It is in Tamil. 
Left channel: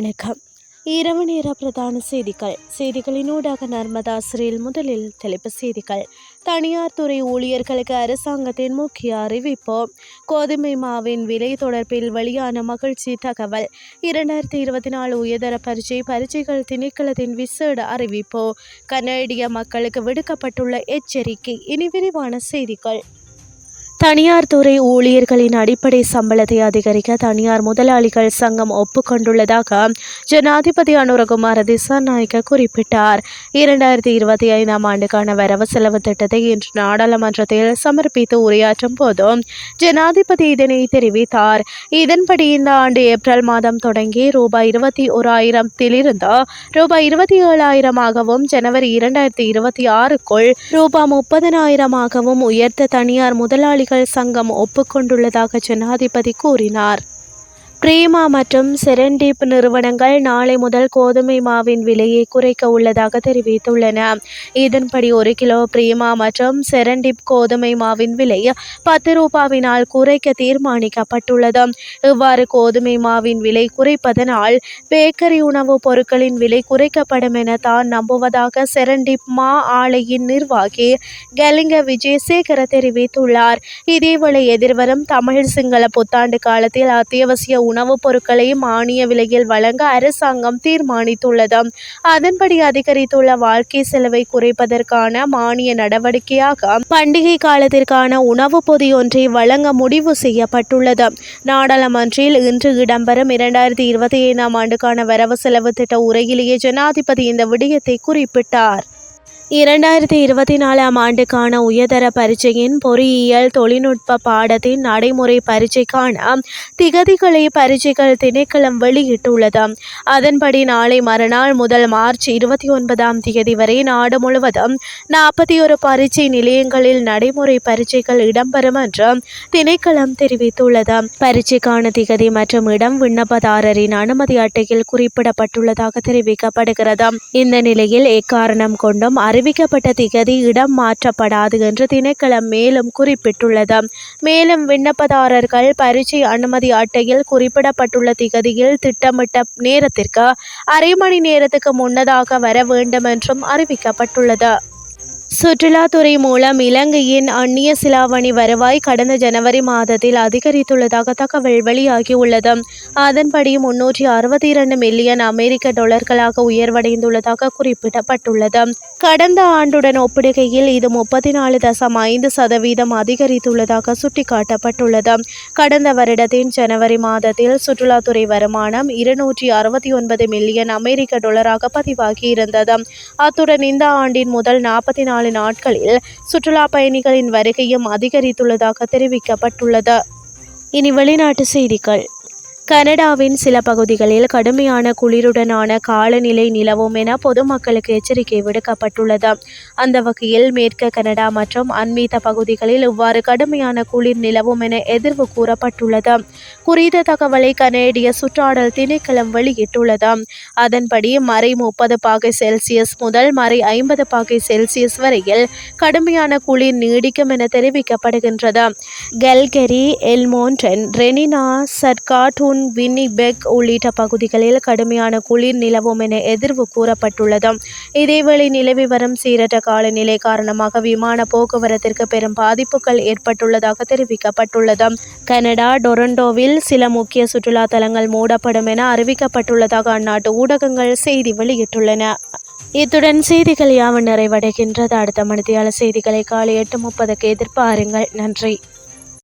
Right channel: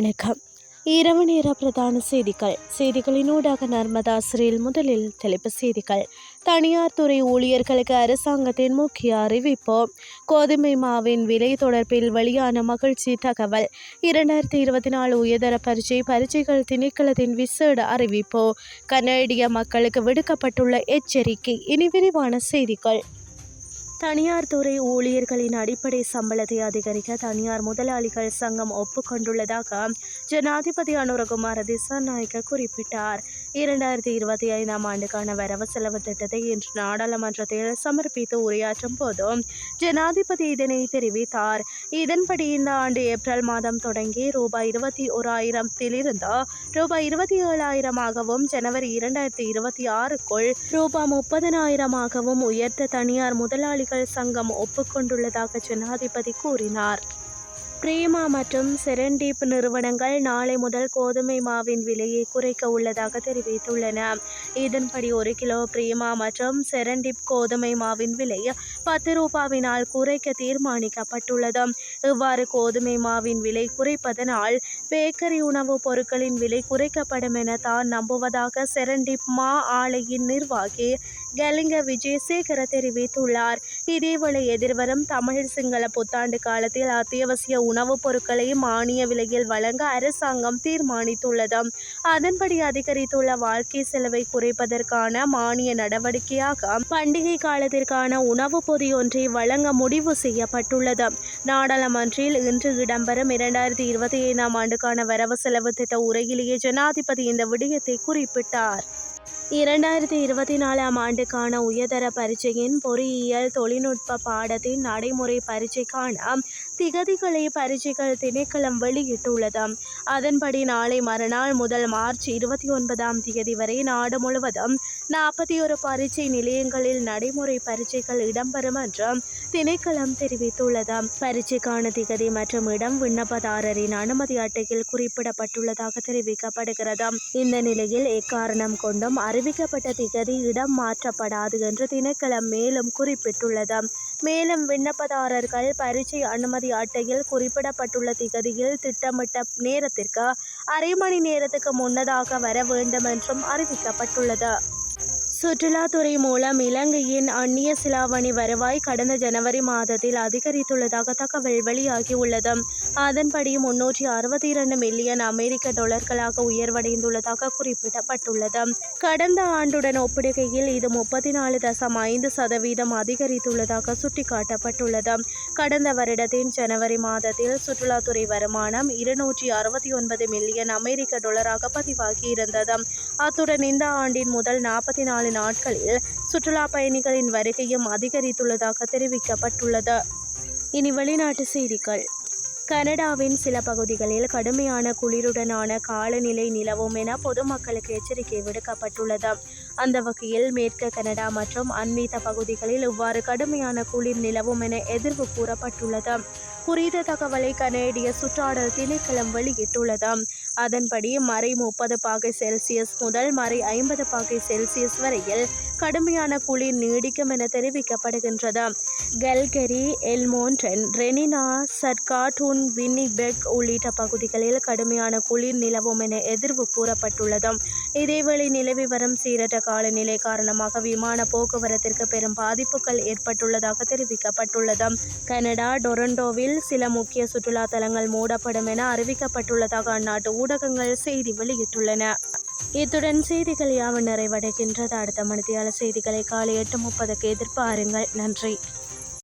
வணக்கம். இரவு நேர பிரதான செய்திகள். செய்திகளினூடாக நர்மதா முதலில் தலைப்பு செய்திகள். தனியார் துறை ஊழியர்களுக்கு அரசாங்கத்தின் முக்கிய அறிவிப்பு. கோதுமை மாவின் விலை தொடர்பில் வெளியான மகிழ்ச்சி தகவல். இரண்டாயிரத்தி இருபத்தி நாலு உயர்தர பரீட்சை பரீட்சைகள் திணைக்களத்தின் விசேட அறிவிப்பு. கனேடிய மக்களுக்கு விடுக்கப்பட்டுள்ள எச்சரிக்கை. இனி விரிவான செய்திகள். தனியார் துறை ஊழியர்களின் அடிப்படை சம்பளத்தை அதிகரிக்க தனியார் முதலாளிகள் சங்கம் ஒப்புக்கொண்டுள்ளதாக ஜனாதிபதி அனுரகுமார திசாநாயக்க குறிப்பிட்டார். இரண்டாயிரத்தி இருபத்தி ஐந்தாம் ஆண்டுக்கான வரவு செலவு திட்டத்தை இன்று நாடாளுமன்றத்தில் சமர்ப்பித்து உரையாற்றும் போது ஜனாதிபதி இதனை தெரிவித்தார். இதன்படி இந்த ஆண்டு ஏப்ரல் மாதம் தொடங்கி ரூபாய் இருபத்தி ஓராயிரத்திலிருந்து ரூபாய் இருபத்தி ஏழாயிரமாகவும் ஜனவரி இரண்டாயிரத்தி இருபத்தி ஆறுக்குள் ரூபாய் முப்பதனாயிரமாகவும் உயர்த்த தனியார் முதலாளிகள் சங்கம் ஒப்புக்கொண்டுள்ளதாக ஜனாதிபதி கூறினார். பிரேமா மற்றும் செரண்டீப் நிறுவனங்கள் நாளை முதல் கோதுமை மாவின் விலையை குறைக்க உள்ளதாக தெரிவித்துள்ளன. இதன்படி ஒரு கிலோ பிரேமா மற்றும் செரண்டிப் கோதுமை மாவின் விலை பத்து ரூபாவினால் குறைக்க தீர்மானிக்கப்பட்டுள்ளது. இவ்வாறு கோதுமை மாவின் விலை குறைப்பதனால் பேக்கரி உணவுப் பொருட்களின் விலை குறைக்கப்படும் என தான் நம்புவதாக செரண்டிப் மா ஆலையின் நிர்வாகி கலிங்க விஜயசேகர தெரிவித்துள்ளார். இதேவேளை எதிர்வரும் தமிழ் சிங்கள புத்தாண்டு காலத்தில் அத்தியாவசிய உணவுப் பொருட்களையும் மானிய விலையில் வழங்க அரசாங்கம் தீர்மானித்துள்ளது. அதன்படி அதிகரித்துள்ள வாழ்க்கை செலவை குறைப்பதற்கான மானிய நடவடிக்கையாக பண்டிகை காலத்திற்கான உணவுப் பொதி ஒன்றை வழங்க முடிவு செய்யப்பட்டுள்ளது. நாடாளுமன்றில் இன்று இடம்பெறும் இரண்டாயிரத்தி இருபத்தி ஐந்தாம் ஆண்டுக்கான வரவு செலவு திட்ட உரையிலேயே ஜனாதிபதி இந்த விடயத்தை குறிப்பிட்டார். இரண்டாயிரத்தி இருபத்தி நாலாம் ஆண்டுக்கான உயர்தர பரீட்சையின் பொறியியல் தொழில்நுட்ப பாடத்தின் நடைமுறை பரீட்சைக்கான திகதிகளை பரீட்சைகள் திணைக்களம் வெளியிட்டுள்ளது. அதன்படி நாளை மறுநாள் முதல் மார்ச் இருபத்தி ஒன்பதாம் தேதி வரை நாடு முழுவதும் நாற்பத்தி ஒரு பரீட்சை நிலையங்களில் நடைமுறை பரீட்சைகள் இடம்பெறும் என்று திணைக்களம் தெரிவித்துள்ளது. பரீட்சைக்கான திகதி மற்றும் இடம் விண்ணப்பதாரரின் அனுமதி அட்டையில் குறிப்பிடப்பட்டுள்ளதாக தெரிவிக்கப்படுகிறது. இந்த நிலையில் எக்காரணம் கொண்டும் அறிவிக்கப்பட்ட திகதி இடம் மாற்றப்படாது என்று திணைக்களம் மேலும் குறிப்பிட்டுள்ளது. மேலும் விண்ணப்பதாரர்கள் பரீட்சை அனுமதி அட்டையில் குறிப்பிடப்பட்டுள்ள திகதியில் திட்டமிட்ட நேரத்திற்கு அரை மணி நேரத்துக்கு முன்னதாக வர வேண்டும் என்றும் அறிவிக்கப்பட்டுள்ளது. சுற்றுலாத்துறை மூலம் இலங்கையின் அந்நிய சிலாவணி வருவாய் கடந்த ஜனவரி மாதத்தில் அதிகரித்துள்ளதாக தகவல் வெளியாகியுள்ளது. அதன்படி முன்னூற்றி அறுபத்தி இரண்டு மில்லியன் அமெரிக்க டாலர்களாக உயர்வடைந்துள்ளதாக குறிப்பிடப்பட்டுள்ளது. கடந்த ஆண்டுடன் ஒப்பிடுகையில் இது முப்பத்தி நாலு தசம் ஐந்து சதவீதம் அதிகரித்துள்ளதாக சுட்டிக்காட்டப்பட்டுள்ளது. கடந்த வருடத்தின் ஜனவரி மாதத்தில் சுற்றுலாத்துறை வருமானம் இருநூற்றி அறுபத்தி ஒன்பது மில்லியன் அமெரிக்க டாலராக பதிவாகியிருந்தது. அத்துடன் இந்த ஆண்டின் முதல் நாற்பத்தி நாலு நாட்களில் சுற்றுலா பயணிகளின் வருகையும் அதிகரித்துள்ளதாக தெரிவிக்கப்பட்டுள்ளது. இனி வெளிநாட்டு செய்திகள். கனடாவின் சில பகுதிகளில் கடுமையான குளிருடனான காலநிலை நிலவும் என பொதுமக்களுக்கு எச்சரிக்கை விடுக்கப்பட்டுள்ளது. அந்த வகையில் மேற்கு கனடா மற்றும் அண்மீத பகுதிகளில் இவ்வாறு கடுமையான குளிர் நிலவும் என எதிர்வு கூறப்பட்டுள்ளது. குறித்த தகவலை கனேடிய சுற்றாடல் திணைக்களம் வெளியிட்டுள்ளது. அதன்படி மறை முப்பது பாகை செல்சியஸ் முதல் மறை ஐம்பது பாகை செல்சியஸ் வரையில் கடுமையான குளிர் நீடிக்கும் என தெரிவிக்கப்படுகின்றது. கெல்கெரி எல்மோன்டன் ரெனினா சர்காட்டூன் வின்னிபெக் உள்ளிட்ட பகுதிகளில் கடுமையான குளிர் நிலவும் என எதிர்வு கூறப்பட்டுள்ளது இதேவேளை நிலவி வரும் சீரற்ற காலநிலை காரணமாக விமான போக்குவரத்திற்கு பெரும் பாதிப்புகள் ஏற்பட்டுள்ளதாக தெரிவிக்கப்பட்டுள்ளது கனடா டொரண்டோவில் சில முக்கிய சுற்றுலா தலங்கள் மூடப்படும் என அறிவிக்கப்பட்டுள்ளதாக அந்நாட்டு ஊடகங்கள் செய்தி வெளியிட்டுள்ளன. இத்துடன் செய்திகள் யாவும் நிறைவடைகின்றது. அடுத்த மணித்தியால செய்திகளை காலை எட்டு முப்பதுக்கு எதிர்பாருங்கள். நன்றி.